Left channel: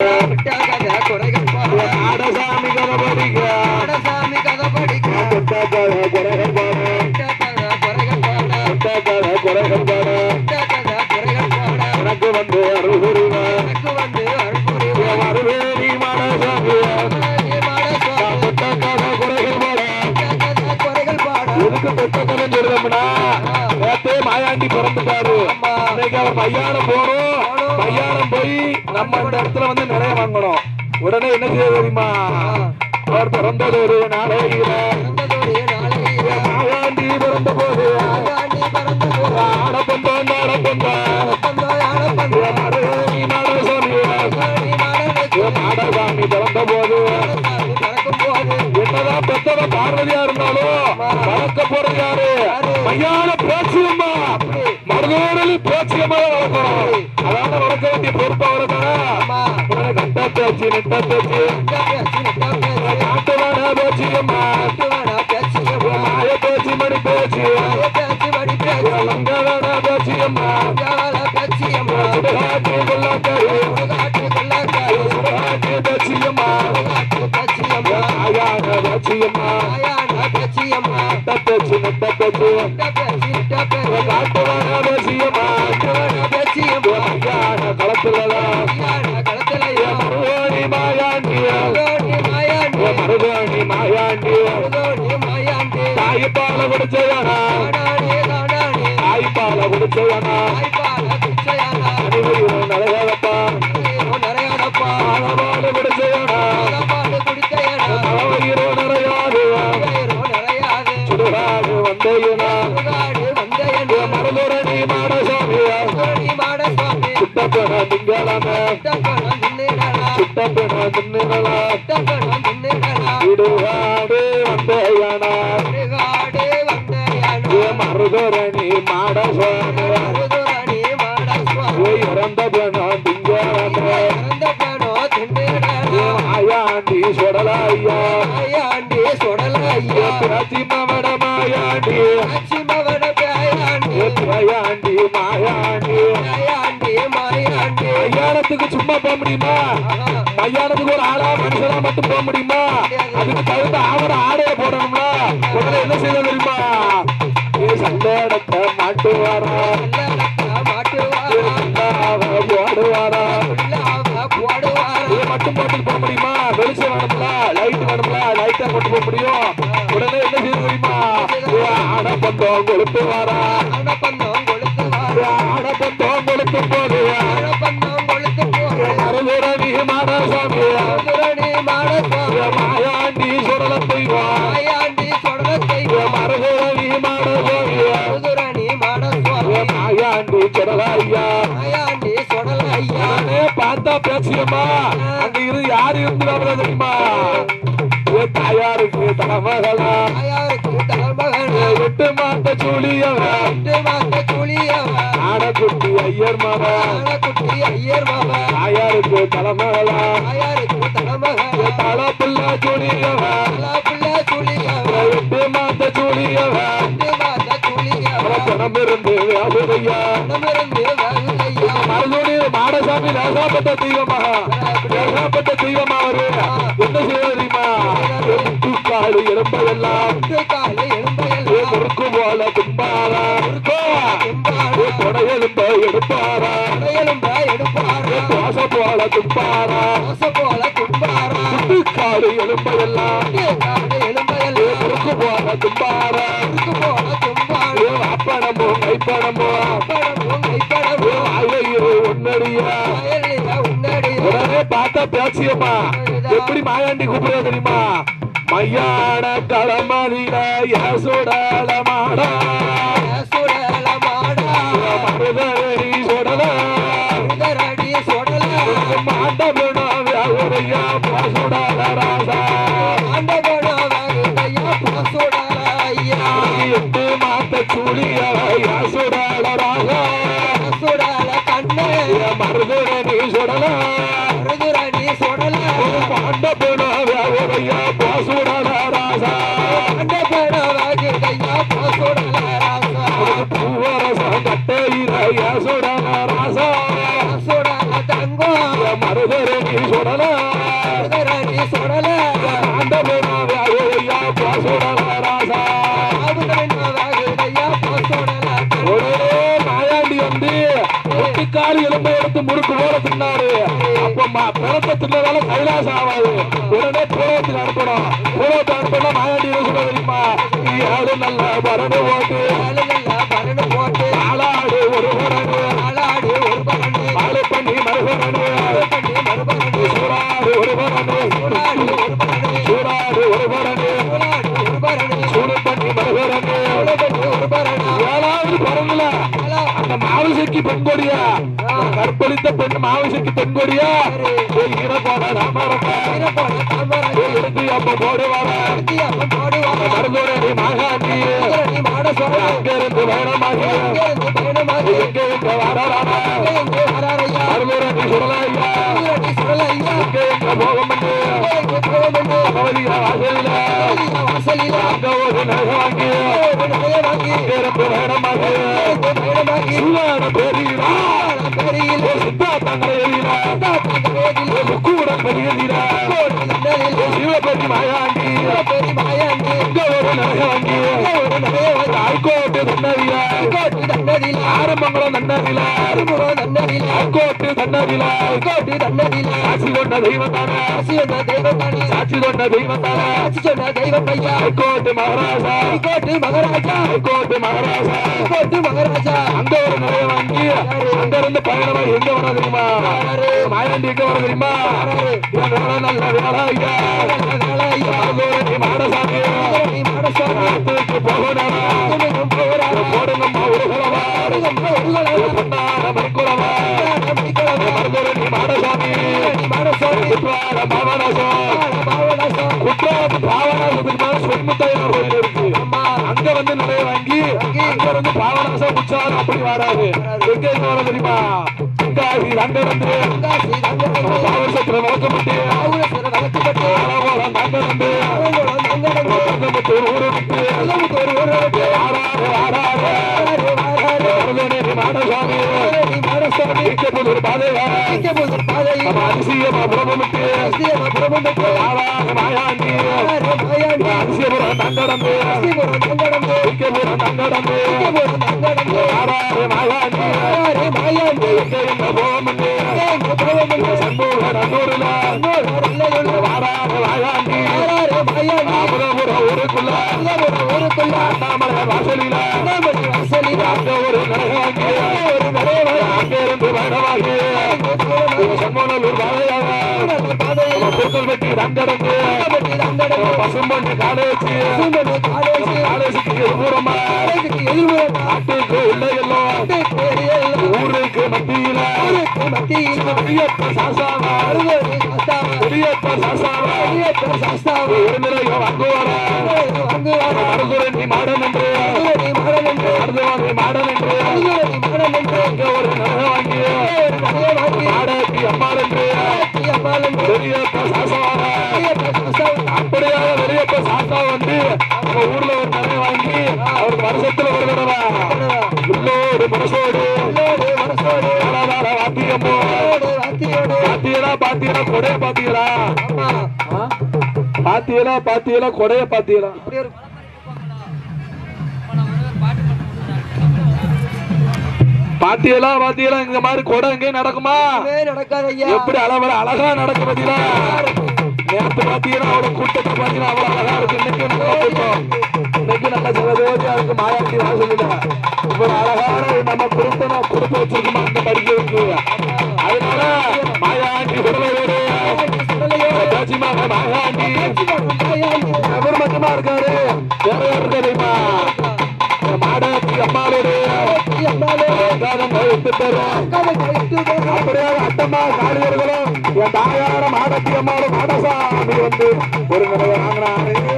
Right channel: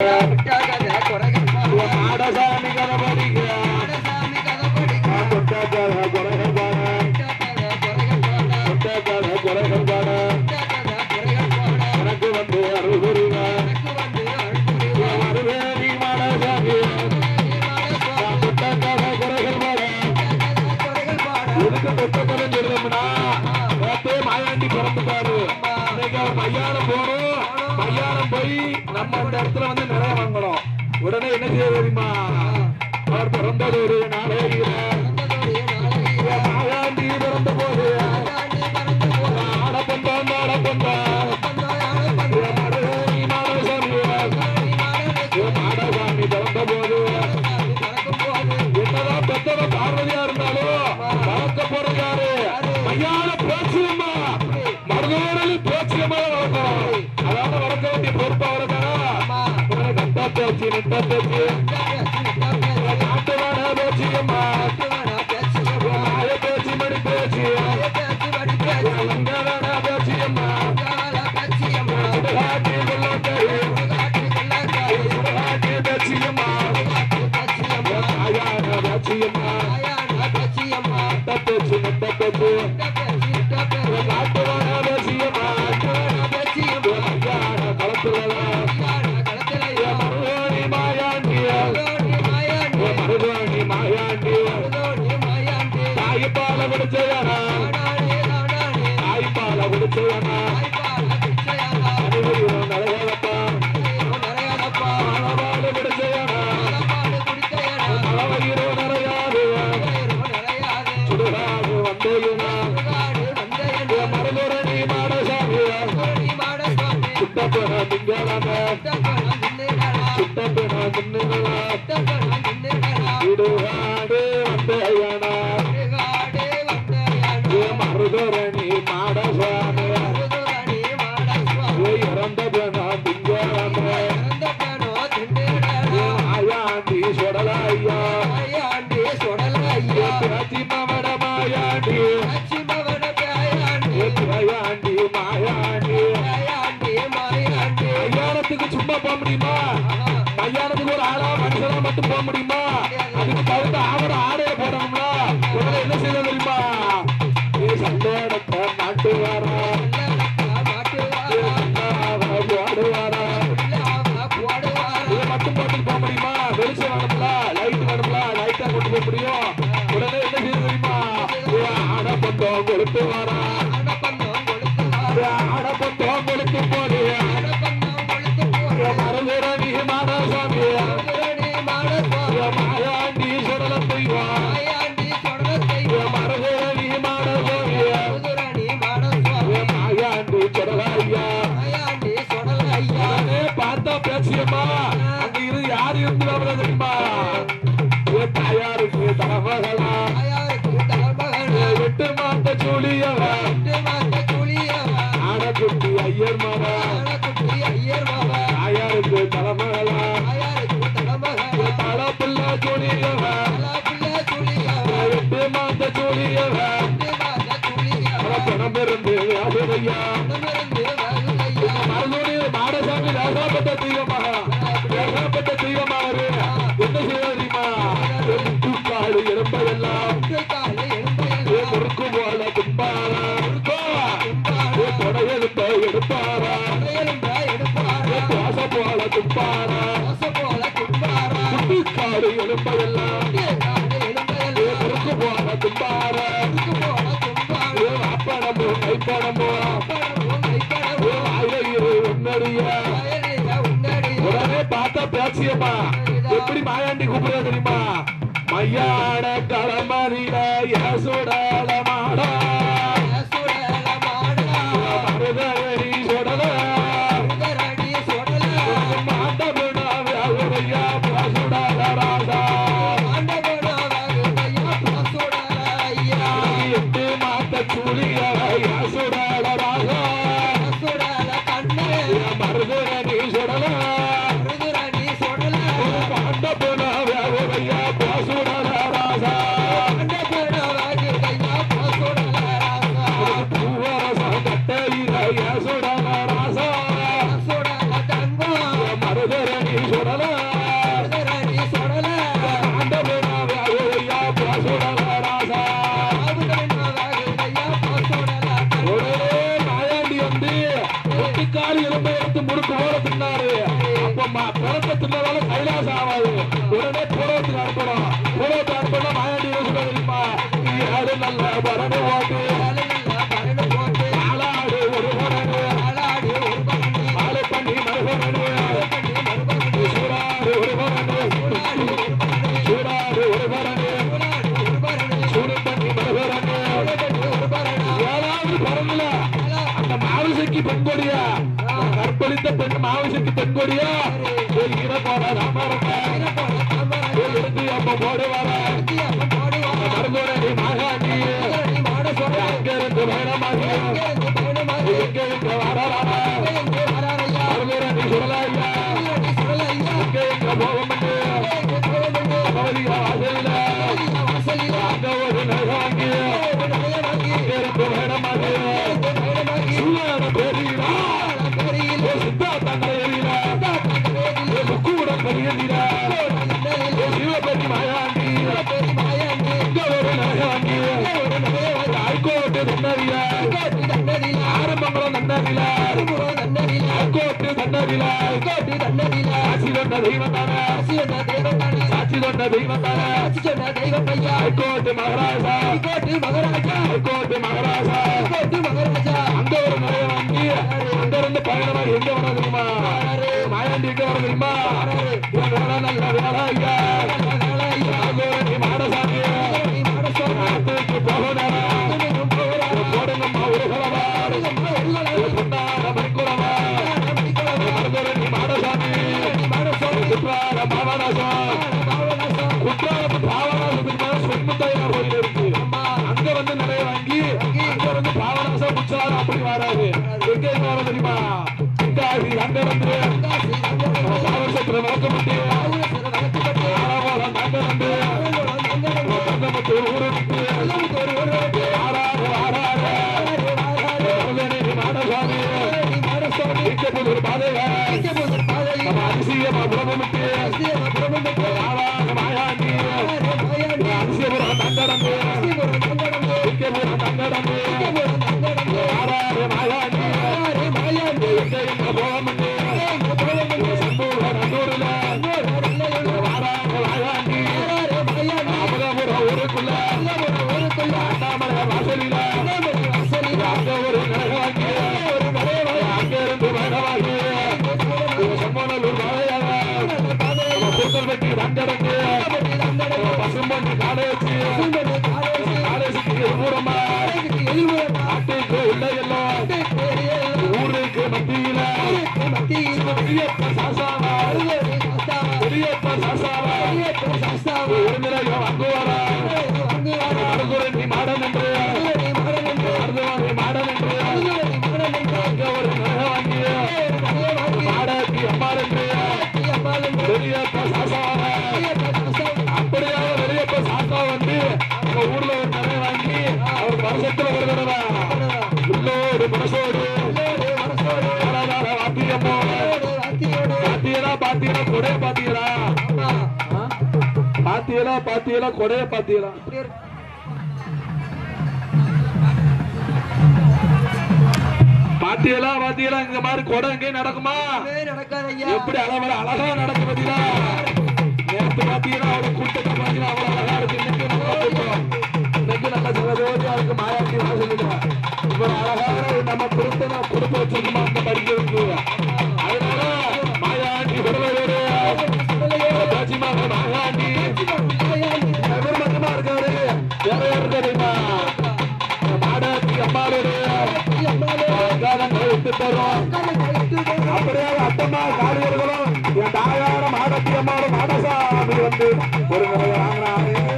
விட்டாகத குறைகள் கதபடிக்க பாட பாட எனக்கு வந்து மாடசாமி பாட சொல்றோம்னா நேத்தே மாயாண்டி பிறந்துட்டாரு. இன்னைக்கு அவர் மையான போறோம் மையானம் போய் நம்ம இந்த இடத்துல வந்து நிறைய வாங்கணும். உடனே என்ன செய்ய தெரியுமா? அவர் பிறந்தது ஒரு நாளையில பிறந்த போது ஆகாண்டி பிறந்த போது ஆடப்பந்தம் ஆடப்பந்தம் பந்தாய் ஆடப்பந்த மருகேணி பிறந்த போது என்னதான் பெத்தவ பார்வதியா இருந்தாலும் வளர்க்க போறது யாரு? மையான பேச்சியம்மா மருதோடலி பேச்சியம்மா வளர்க்கணும். நாட்டுவான பேச்சியம்மா நாட்டுவானா பேச்சு மாய பேச்சு மணி பேச்சு பேச்சு மணி பேச்சு மங்களான பேச்சியம்மா ஜால பேச்சு அம்மா சுடுகாட்டி கொள்ளாக்கரு காட்டு கொள்ளாக்காரு சுடுகாட்டி பேச்சியம்மா காட்டு பேச்சு அம்மா மாயான பேச்சியம்மா ஆயானா பேச்சு அம்மா நட்ட பேச்சு நிட்ட பேச்சு இந்த பேச்சு மருதோணி மாயாண்டி மருதோணி மாயாண்டி மருதோணி மாயாண்டி மருதோணி மாயாண்டி தாய்ப்பால குடிச்சவனா காடானே காடானே தாய்ப்பால குடிச்சவனா தாய்ப்பால பிச்சையானா அனைவரும் நலகப்பா ஐயோ நிறையாடப்பா ஆனபாடு குடிச்சவனா பாடு குடிச்சையனா மலவயிரோ நிறையாது ஐயோ நிறையாது சுடுகாடு வந்தையனா சுடுகாடு வந்தையனா மருதோரணி மாடசாமி மருதோணி மாடசாமி மருதோரணி மாடசாமி திங்களமே இறந்தப்பனோ திண்ணிடனா மாயாண்டி. சொடலாயா ஆயாண்டி சுடலையா பிரதிமவட மாயாண்டி. லட்சுமவன பேயாண்டி பிரயாண்டி மாயாண்டி. ஆயாண்டி மாயாண்டி. சும்மா போக முடியுமா மனுஷனா போக முடியுமா? அதுக்கு தகுந்த ஆவர ஆடைய போடணும்ல உடனே என்ன செய்ய தெரியுமா சந்தோடத்தை மாட்டுவாரா? போடுவாரா மட்டும் போட்டு போக முடியுமா? வெளிச்சம் வேணும்ல லைட் வேணும்ல லைட்டா கொண்டு போக முடியும். உடனே என்ன செய்ய தெரியுமா ஆட பக்கம் கொடுத்து வாரா மாயாண்டி சுடல செய்வா மறுபுறவி மாடசாமி மாயாண்டி சுடலையா நானே பார்த்தா பேசியம்மா அங்க இரு யாரு இருக்கிறாங்க தெரியுமா என் தாயாருக்கு தலைமகளா எட்டு மாத்த சூழியவா ஆடக்குட்டி ஐயர் மகா பணம் இருந்து மருந்து மாடசாமி நேசாப்பட்ட தெய்வமா? நேசாப்பட்ட தெய்வமா அவரு? என்ன செய்ய தெரியுமா? முட்டுக்காடு எலும்பையெல்லாம் முறுக்கு போல தும்பாரா கொடையெலும்ப எடுப்பாரா? பார்த்தா பேச்சியம்மா எப்படி மாயாண்டி கூப்பிடுறது தெரியுமா? மையான களமதில யசோடால ஒட்டிக்காரி எடுத்து முறுக்கு போல தின்னாரு அப்ப மா- பிறப்ப தின்னதால கைலாசம் ஆகாது. உடனே பூலவத்துக்கு அனுப்பணும் பூலவத்தை அனுப்பணும் மாயாண்டி என்ன சொல்ல தெரியுமா? நீ ஆடு நல்லா பரணு ஓட்டு. பெரியடா ஆரம்பங்களும் தண்டவில அறுபுறம் தன்னதில ஹைகோர்ட்டு தண்டவில கோட்டு தன்னதில சாட்சி கொண்ட தெய்வம் தானே ஆசி வந்த சாட்சி கொண்ட தெய்வம் தானே சொன்ன தெய்வம் ஐயா மகாராஜா. கோட்டு மகாராஜா. மகாராஜா. கோட்டு மகாராஜா. அந்த ஒரு இருந்து பயணமா எங்க வர தெரியுமா? வர தெரியுமா? வேலை நல்ல வேலை ஐயா. குற்றாலத்து பாவனாசத்துக்கு மேல கோயில் இருக்கு அங்க வந்து நிறைய வாங்கி அங்க இருந்து பாவனாசம் குற்றாலம் அப்படி வராது எங்க எங்க தெரியுமா அங்க ஒரு மாயாண்டி அமுதபுரம் ஊருக்குள்ள அண்ணாமலை வாசலில ஊருக்கு மத்தியில பெரியப்ப சாசாவா பெரியப்ப சாசாவா இருநிலைய வாங்குவாரா மருதுரை நீ மாடன் என்று மருதுவனை மாடன் என்று அங்க ஒரு நகை வாங்கி மாடாட்டி அம்மாள் என்று பெரியப்ப பாத்தீங்களா பாத்தீங்களா கொடைய பாத்தீங்களா பாத்தீங்களா பாத்தீங்களா இந்த மாதிரி கொடை எங்கேயும் நடக்குமா? நடக்காத எப்படி அளவுல அழகா நடக்க பாத்தீங்களா? நேரத்து பாத்தீங்கன்னா அவரோட கூட்டத்தை பாத்தீங்கன்னா அவ்வளவு அழகா இருக்கு. இன்னைக்கு நம்ம இருக்கு இவர் அழகான நம்ம குடும்பம் குடும்பம் வச்சிருக்கோமா மாடாத்தி அம்மாளுடைய என் வந்து ஒரு முறை வாங்கினாரு.